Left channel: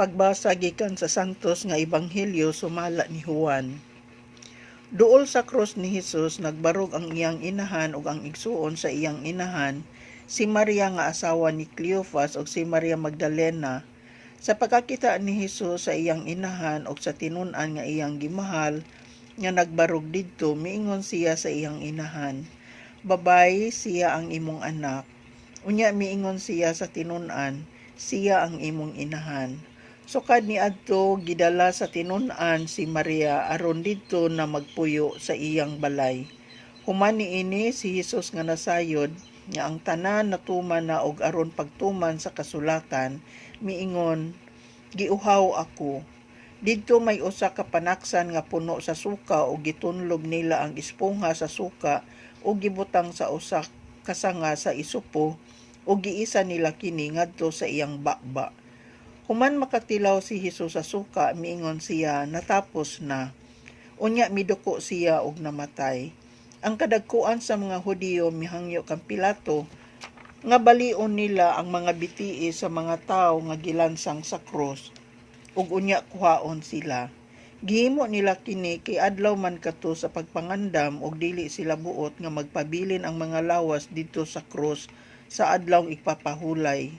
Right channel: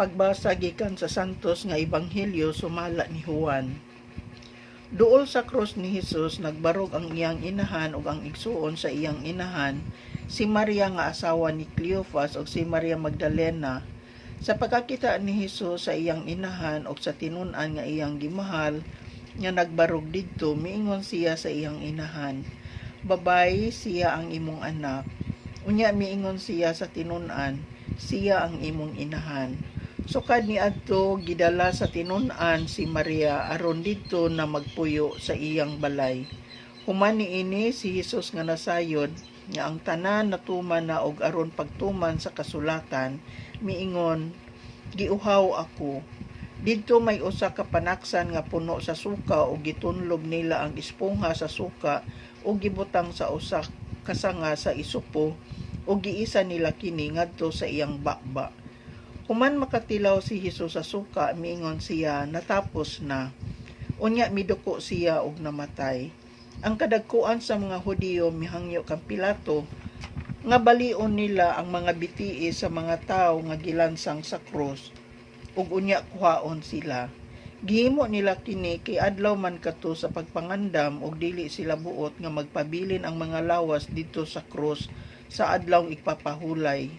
Pagbasa gikan sa santos nga ebanghelyo sumala ni Juan. Duol sa krus ni Hesus nagbarog ang iyang inahan ug ang igsuon sa iyang inahan, si Maria nga asawa ni Cleophas ug si Maria Magdalena. Sa pagkakita ni Hesus sa iyang inahan ug sa tinun-an nga iyang gimahal nga nagbarog didto, miingon siya sa iyang inahan, "Babay, siya ang imong anak." Unya miingon siya sa tinun-an, "Siya ang imong inahan." Sukad niadto gidala sa tinun-an si Maria aron didto na magpuyo sa iyang balay. Human niini si Hesus nga nasayod nga ang tanan natuman na og aron pagtuman sa kasulatan, miingon, "Giuhaw ako." Didto may usa ka panaksan nga puno sa suka ug gitunlob nila ang espongha sa suka ug gibutang sa usa ka sanga sa isupo ug giisa nila kini ngadto sa iyang bakba. Human makatilaw si Hesus sa suka, miingon siya, "Natapos na." Unya miduko siya ug namatay. Ang kadagkuan sa mga Hudiyo mihangyo kang Pilato nga balion nila ang mga bitii sa mga tawo nga gilansang sa krus ug unya kuhaon sila. Gihimo nila kini kay adlaw man kadto sa pagpangandam ug dili sila buot nga magpabilin ang mga lawas didto sa krus sa adlaw ipapahulay.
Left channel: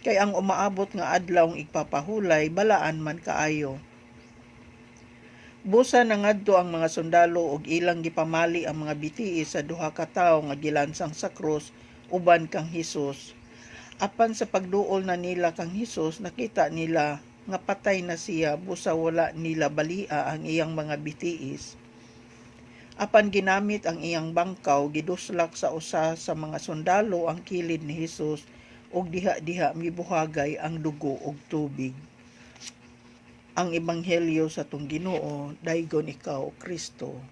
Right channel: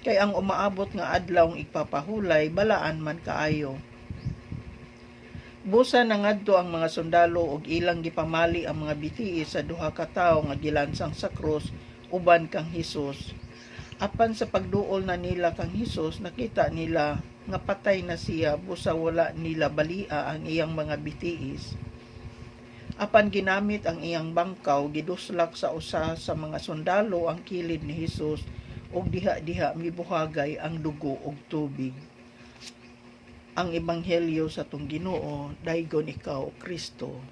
Kay ang umaabot nga adlaw ipapahulay balaan man kaayo. Busa na ngadto ang mga sundalo ug ilang gipamali ang mga bitii sa duha ka tawo nga gilansang sa krus uban kang Hesus. Apan sa pagduol na nila kang Hesus, nakita nila nga patay na siya, busa wala nila balia ang iyang mga bitiis. Apan ginamit ang iyang bangkaw, giduslak sa usa sa mga sundalo ang kilid ni Hesus ug diha-diha mibuhagay ang dugo ug tubig. Ang ebanghelyo sa atong Ginoo, daygon ikaw, Kristo.